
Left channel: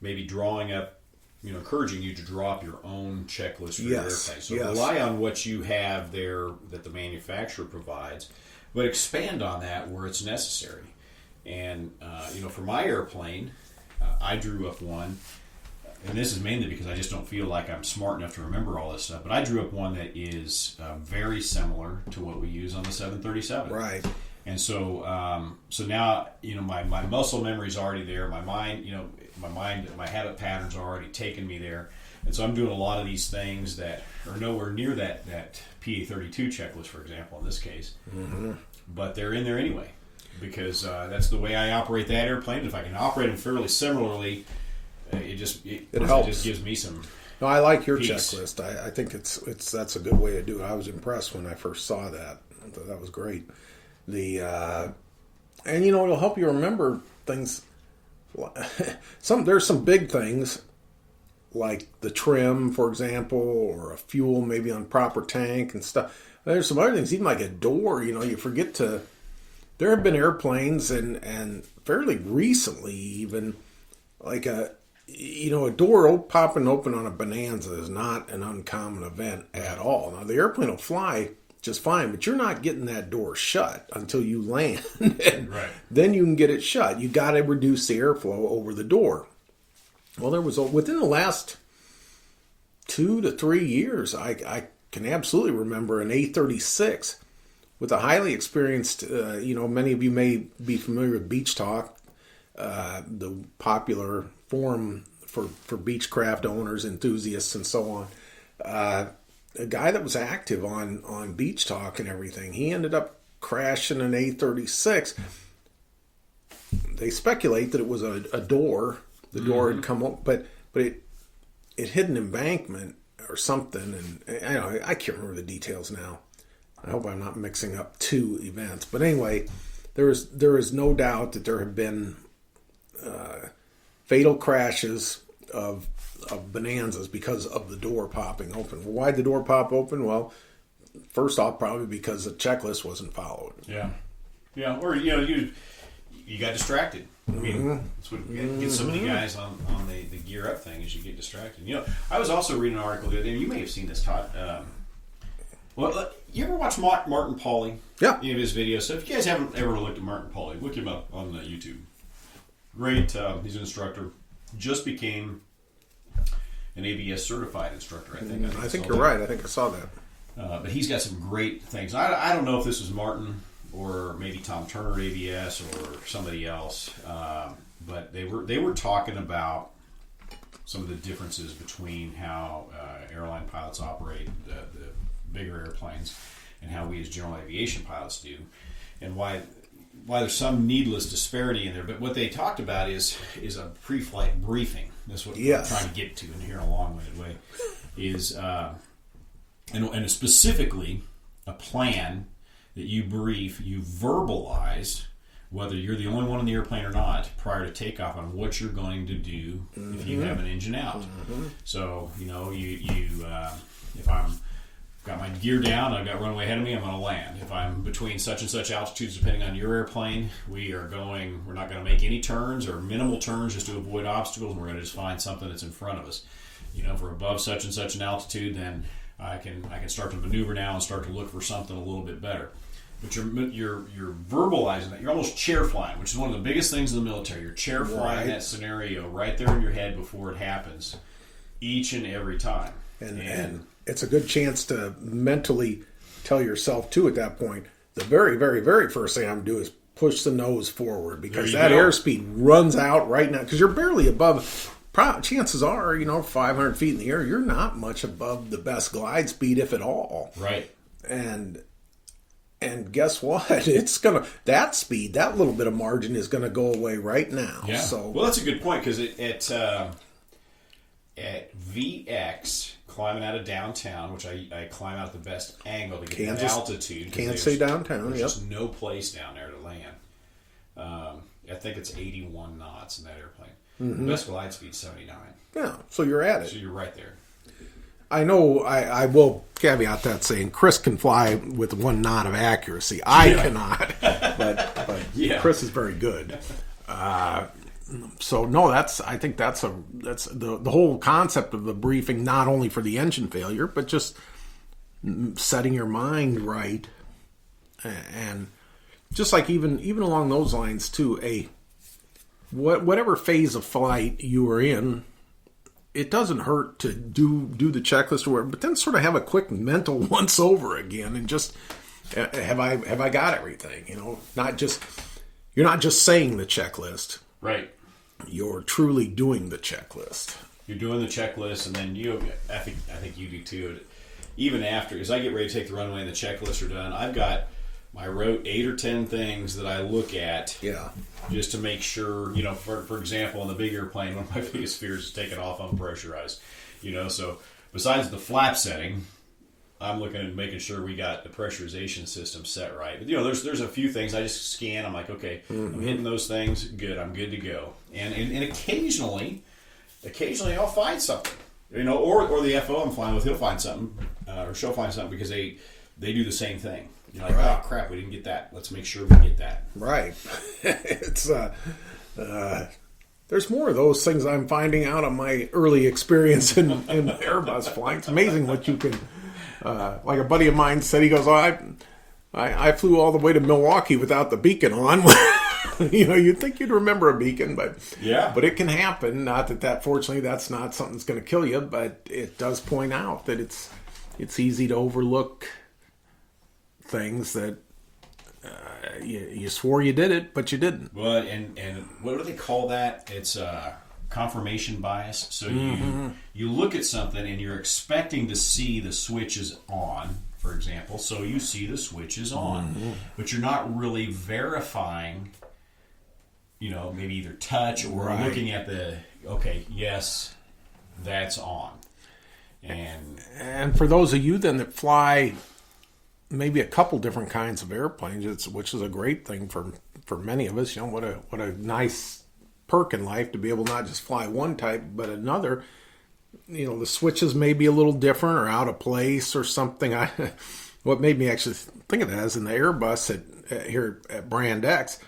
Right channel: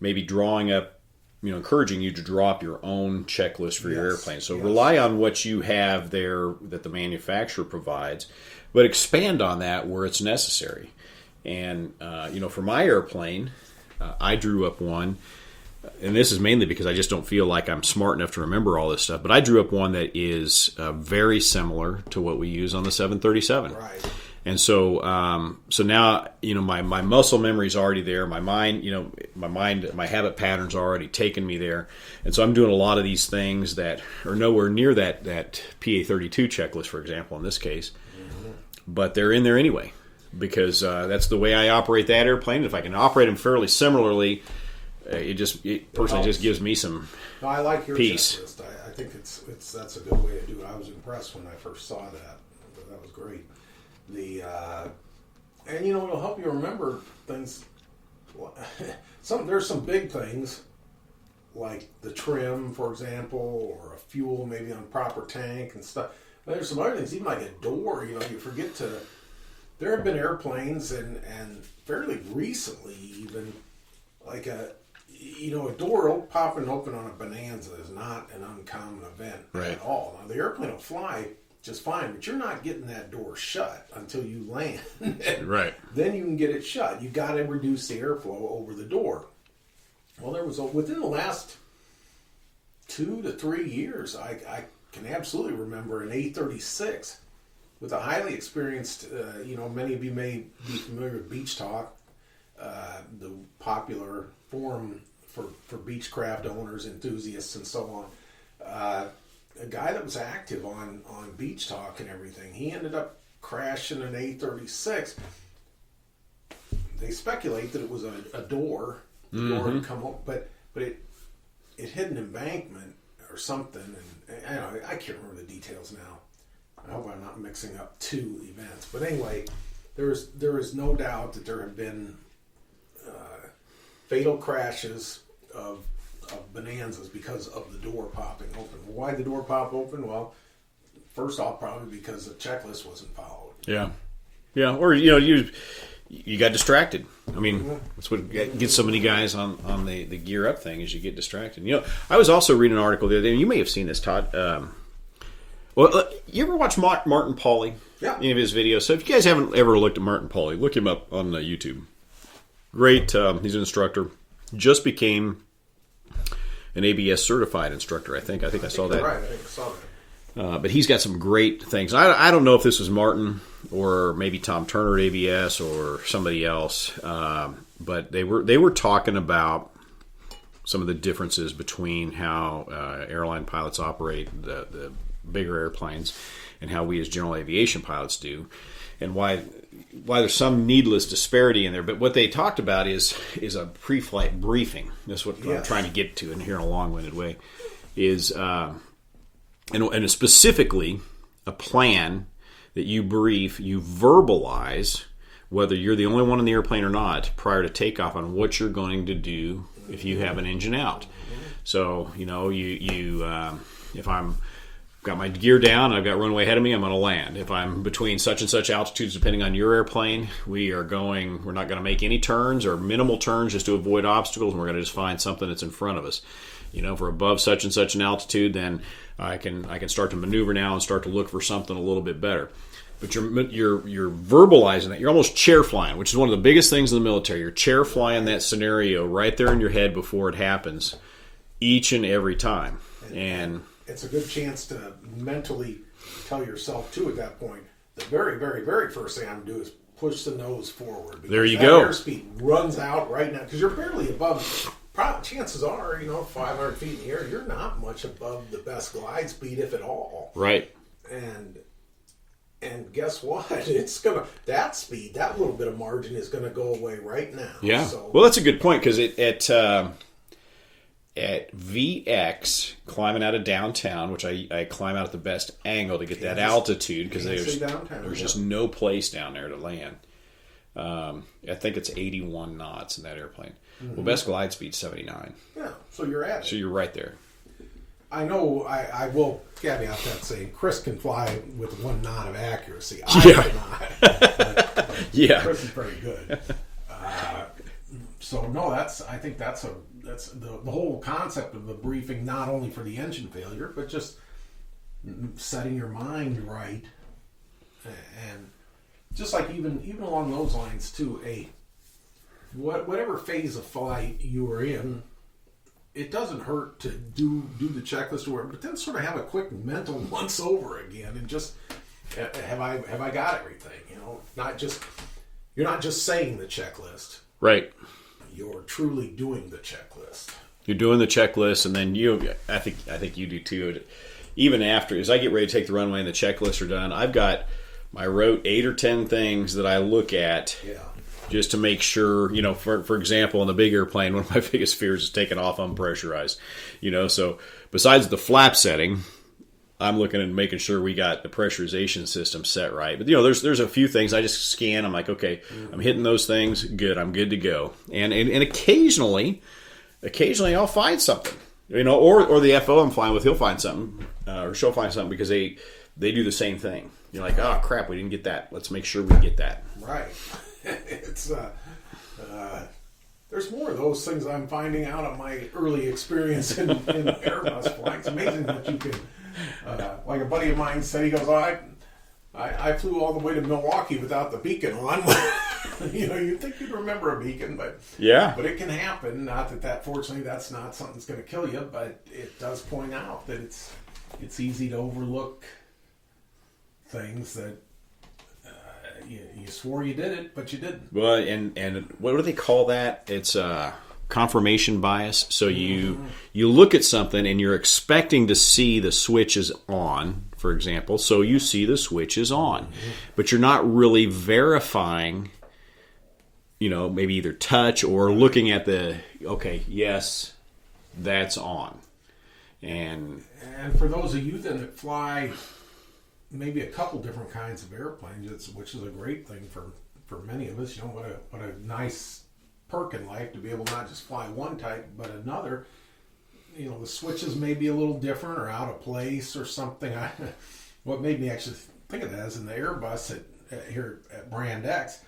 maybe drawing up, encouraging you to draw up your own checklist for your airplane. So rely on what you have there that the manufacturer provides, but expand on that where it's necessary. And, for my airplane, I drew up one, and this is mainly because I just don't feel like I'm smart enough to remember all this stuff, but I drew up one that is very similar to what we use on the 737. Right. And so, so now, my muscle memory is already there. My mind, my habit patterns are already taken me there. And so I'm doing a lot of these things that are nowhere near that PA-32 checklist, for example, in this case. Mm-hmm. But they're in there anyway, because that's the way I operate that airplane. If I can operate them fairly similarly, it just gives me some. No, I like your peace. checklist. I think that's a good way to do it. I was impressed when I first saw that. That was great. And it'll help you remember things. There's some big things like the trim, for example, or a fuel maybe on proper tank and stuff. There's some other things, even like a door. You forget to. There have been airplanes and fairly recently even like a door popping open on a Bonanza is not an uncommon event at all. Now the airplane will fly just fine, but you're not getting that door shut until you land. Right. Then you can get it shut. You got to reduce the airflow over the door. Well, there was within the last 2 to 3 years, I can absolutely remember an A36 with a highly experienced. Many of you may be familiar with Beach Talk, the popular forum for Beechcraft owners, enthusiasts, and so on. A guy that was active on Beach Talk and everything, he ended up crashing an A36. They speculate that it was a door. The door had come up, but it hit an embankment or something, and I can't remember the details now. I hope I'm not mixing up two events. But anyway, there is no doubt that there have been fatal crashes of Bonanzas because of the door popping open. Why'd the door pop open? Well, first off, probably because the checklist wasn't followed. Yeah. Or you got distracted. I mean, that's what gets so many guys on the gear up thing is you get distracted. I was also reading an article the other day, and you may have seen this, Todd. You ever watch Martin Pauly? Yeah. Any of his videos? So if you guys haven't ever looked at Martin Pauly, look him up on YouTube. Great. He's an instructor. Just became an ABS certified instructor, I think. I think you're right. I think I saw that. But he's got some great things. I don't know if this was Martin or maybe Tom Turner at ABS or somebody else, but they were talking about some of the differences between how airline pilots operate the bigger airplanes and how we as general aviation pilots do, and why there's some needless disparity in there. But what they talked about is a pre-flight briefing. That's what I'm trying to get to in here in a long-winded way. Is and specifically a plan that you brief, you verbalize, whether you're the only one in the airplane or not, prior to takeoff on what you're going to do if you have an engine out. So if I'm got my gear down, I've got runway ahead of me, I'm going to land. If I'm between such and such altitudes, depending on your airplane, we're not going to make any turns or minimal turns just to avoid obstacles, and we're going to just find something that's in front of us. If we're above such and such an altitude, then I can start to maneuver now and start to look for something a little bit better. But you're verbalizing that. You're almost chair flying, which is one of the biggest things in the military. You're chair flying that scenario right there in your head before it happens, each and every time. And it's a good chance to mentally tell yourself too at that point, the very, very, very first thing I'm going to do is push the nose forward, because that airspeed runs out right now because you're barely above. Chances are, 500 feet in the air, you're not much above the best glide speed, if at all. Right. And guess what? That speed, that little bit of margin is going to go away right now. Yeah. So, well, that's a good point, because at VX, climbing out of downtown, which I climb out at the best angle to get that altitude, because there's just no place down there to land. I think it's 81 knots in that airplane. The best glide speed 79. Yeah, so you're at it. So you're right there. I know I will caveat that saying Chris can fly with 1 knot of accuracy. I cannot. But Yeah. Chris is very good. So no, I think that's the whole concept of the briefing, not only for the engine failure, but just setting your mind right, and just like even along those lines too. Whatever phase of flight you are in, it doesn't hurt to do the checklist or whatever, but then sort of have a quick mental once over again and just have I got everything? You're not just saying the checklist. Right. You're truly doing the checklist. You're doing the checklist, and then I think you do too. Even after, as I get ready to take the runway and the checklists are done, I've got my 8 or 10 things that I look at. Yeah. Just to make sure, for example, in the big airplane, one of my biggest fears is taking off unpressurized. So besides the flap setting, I'm looking at making sure we got the pressurization system set right. But there's a few things I just scan. I'm like, okay, I'm hitting those things. Good, I'm good to go. And occasionally I'll find something. Or the FO I'm flying with, he'll find something, or she'll find something because they do the same thing. You're like, oh crap, we didn't get that. Let's make sure we get that. Right. It's there's more of those things I'm finding out of my early experience in Airbus flying. It's amazing what you can. Like a buddy of mine said, he goes, I flew all the way to Milwaukee without the beacon on. You'd think you'd remember a beacon, but it can happen. Not that fortunately that's not something that's going to kill you, but it does point out that it's easy to overlook things that you swore you did it, but you didn't. Well, and what do they call that? It's confirmation bias. So you look at something and you're expecting to see the switches on, for example. So you see the switches on, but you're not really verifying. Maybe either touch or looking at yes, that's on. And for those of you then that fly maybe a couple different kinds of airplanes, which is a great thing for many of us. What a nice perk in life to be able not just fly one type but another. The switches may be a little different or out of place or something. What made me actually think of that is in the Airbus here at Brand X.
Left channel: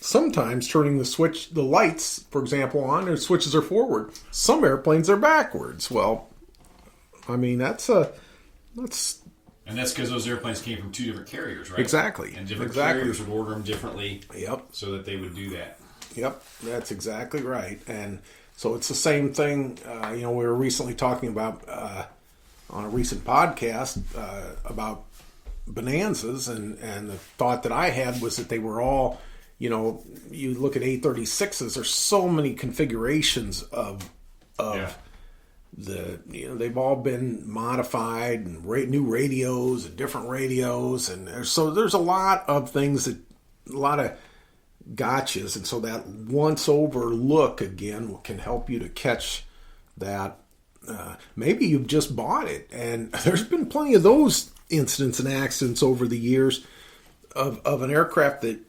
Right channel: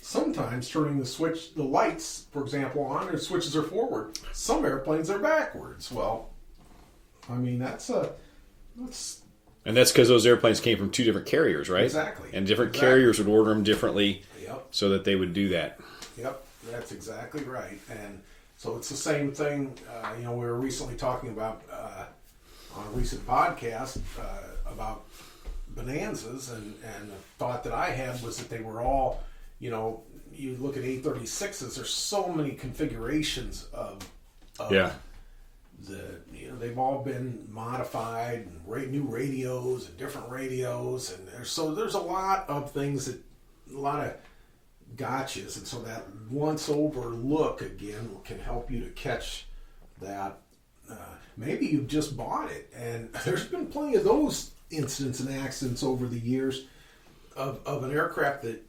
Sometimes turning the lights, for example, on, and switches are forward. Some airplanes are backwards. Well, I mean that's and that's because those airplanes came from 2 different carriers, right? Exactly. And different carriers would order them differently. Yep. So that they would do that. Yep, that's exactly right. And so it's the same thing. We were recently talking about on a recent podcast about Bonanzas, and the thought that I had was that they were all, you look at A36s. There's so many configurations of they've all been modified and new radios and different radios, and there's a lot of things a lot of gotchas, and so that once over look again can help you to catch that. Maybe you've just bought it, and there's been plenty of those incidents and accidents over the years of an aircraft that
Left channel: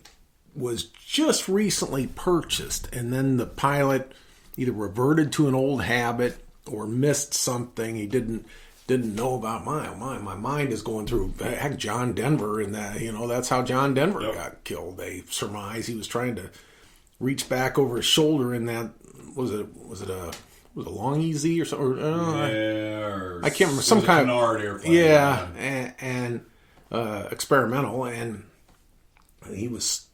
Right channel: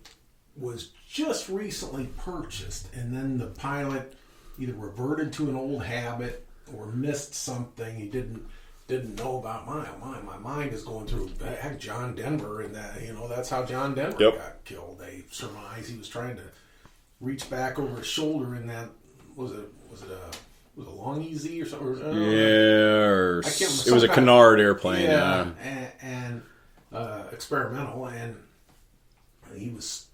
was just recently purchased, and then the pilot either reverted to an old habit or missed something he didn't know about. My mind is going through heck, John Denver, and that that's how John Denver got killed. They surmise he was trying to reach back over his shoulder in that was it a Long EZ or something? I can't remember. It was a Canard airplane. Yeah, and experimental, and he was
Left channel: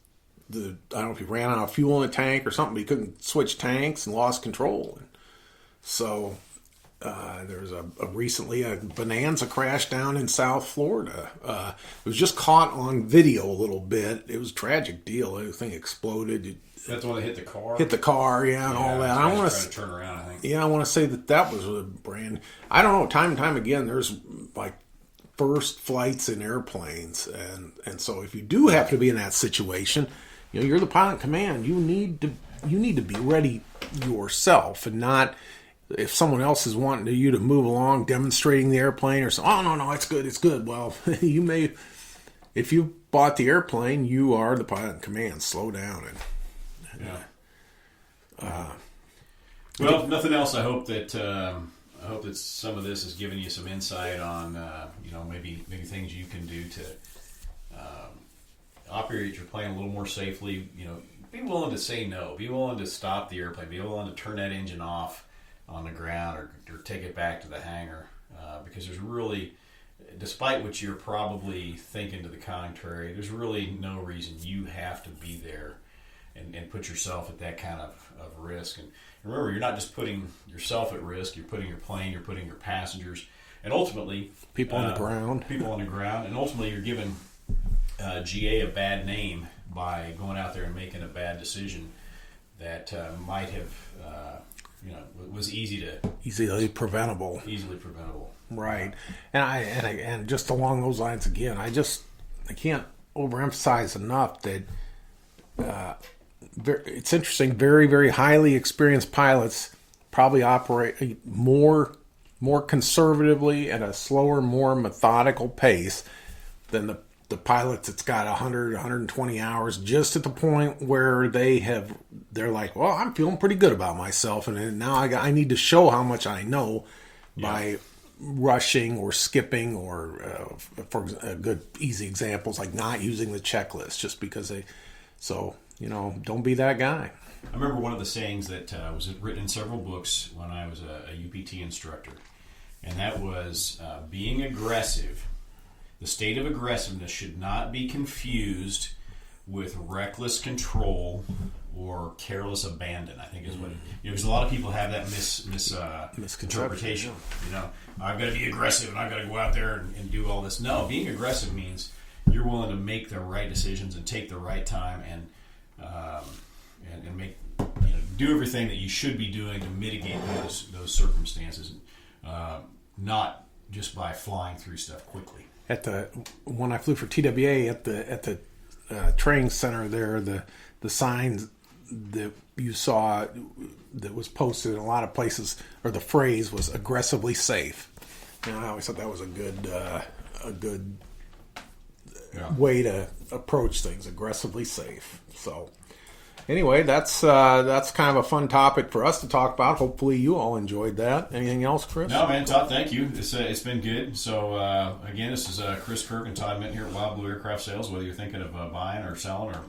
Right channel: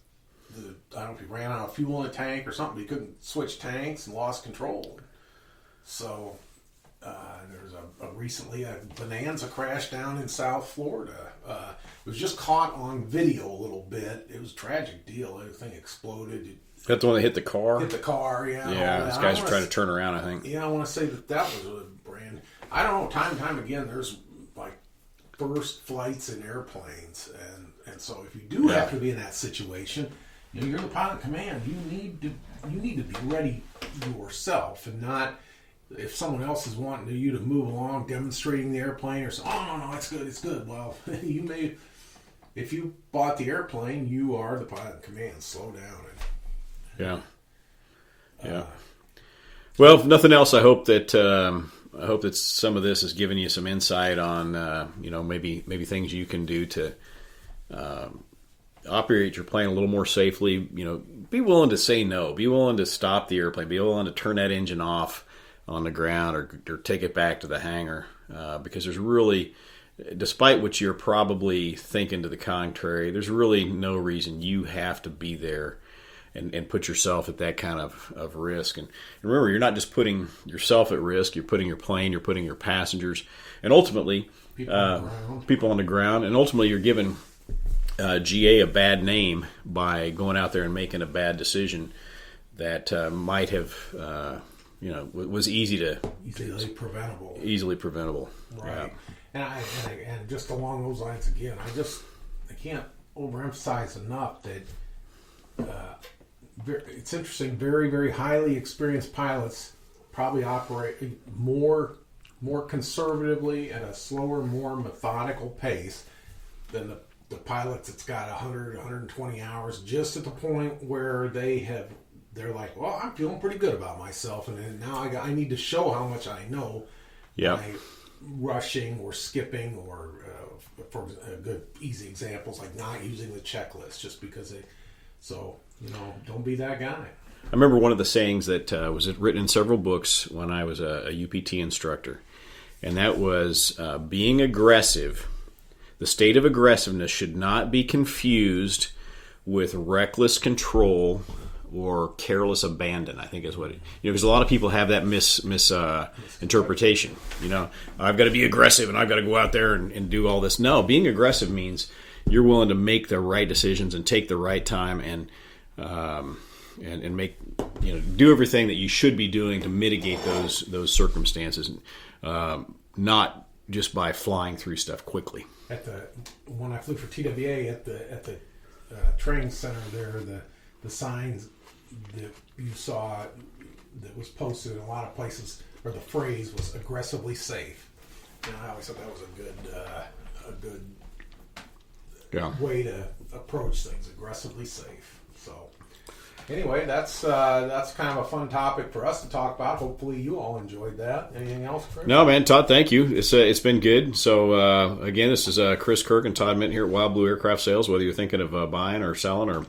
I don't know if he ran out of fuel in a tank or something, but he couldn't switch tanks and lost control. So there's recently a Bonanza crash down in South Florida. It was just caught on video a little bit. It was a tragic deal. Everything exploded. Is that the one that hit the car? Hit the car, and all that. Guys were trying to turn around, I think. Yeah, I want to say that was a brand. I don't know. Time and time again, there's like first flights in airplanes, and so if you do have to be in that situation, you're the pilot in command. You need to be ready yourself, and not if someone else is wanting you to move along, demonstrating the airplane, or so. Oh no, it's good. Well, you may, if you bought the airplane, you are the pilot in command. Slow down Yeah. Well, if nothing else, I hope that hope that some of this has given you some insight on, maybe things you can do to operate your plane a little more safely. Be willing to say no. Be willing to stop the airplane. Be willing to turn that engine off on the ground or take it back to the hangar, because there's really, despite what you're probably thinking to the contrary, there's really no reason you have to be there and put yourself at that kind of risk. And remember, you're not just putting yourself at risk, you're putting your plane, you're putting your passengers, and ultimately people on the ground. And ultimately you're giving GA a bad name by going out there and making a bad decision that might have, was easily preventable. Right. And just along those lines again, I can't overemphasize enough that it's interesting. Very, very highly experienced pilots probably operate more conservatively at a slower, more methodical pace than the pilots that's got 100, 120 hours, just at the point where they're like, well, I'm feeling pretty good about myself, and now I need to show how much I know by rushing or skipping, or for good easy examples like not using the checklist just because don't be that guy. I remember one of the sayings that was written in several books when I was a UPT instructor, and that was being aggressive. The state of aggressiveness should not be confused with reckless control or careless abandon, I think is what it, because a lot of people have that misinterpretation. I've got to be aggressive and I've got to go out there and do all this. No, being aggressive means you're willing to make the right decisions and take the right time and make, do everything that you should be doing to mitigate those circumstances, not just by flying through stuff quickly. When I flew for TWA at the training center there, the signs that you saw that was posted in a lot of places, or the phrase was aggressively safe. I always thought that was a good way to approach things, aggressively safe. So anyway, that's kind of a fun topic for us to talk about. Hopefully you all enjoyed that. Anything else, Chris? No, man, Todd, thank you. It's been good. So again, this is Chris Kirk and Todd Minton here at Wild Blue Aircraft Sales. Whether you're thinking of buying or selling, or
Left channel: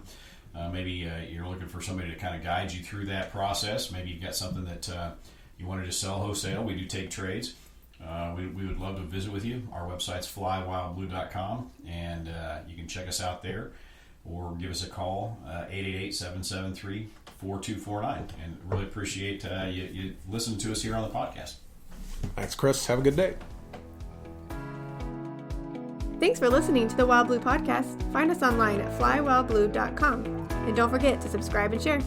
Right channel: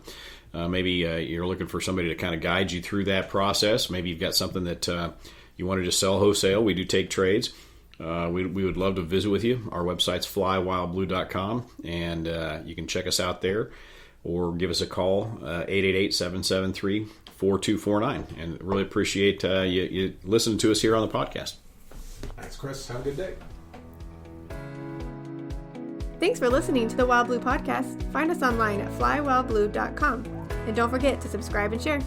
maybe you're looking for somebody to kind of guide you through that process. Maybe you've got something that you wanted to sell wholesale. We do take trades. We would love to visit with you. Our website's flywildblue.com, and you can check us out there, or give us a call, 888-773-4249. And really appreciate you listening to us here on the podcast. Thanks, Chris. Have a good day. Thanks for listening to the Wild Blue Podcast. Find us online at flywildblue.com. And don't forget to subscribe and share.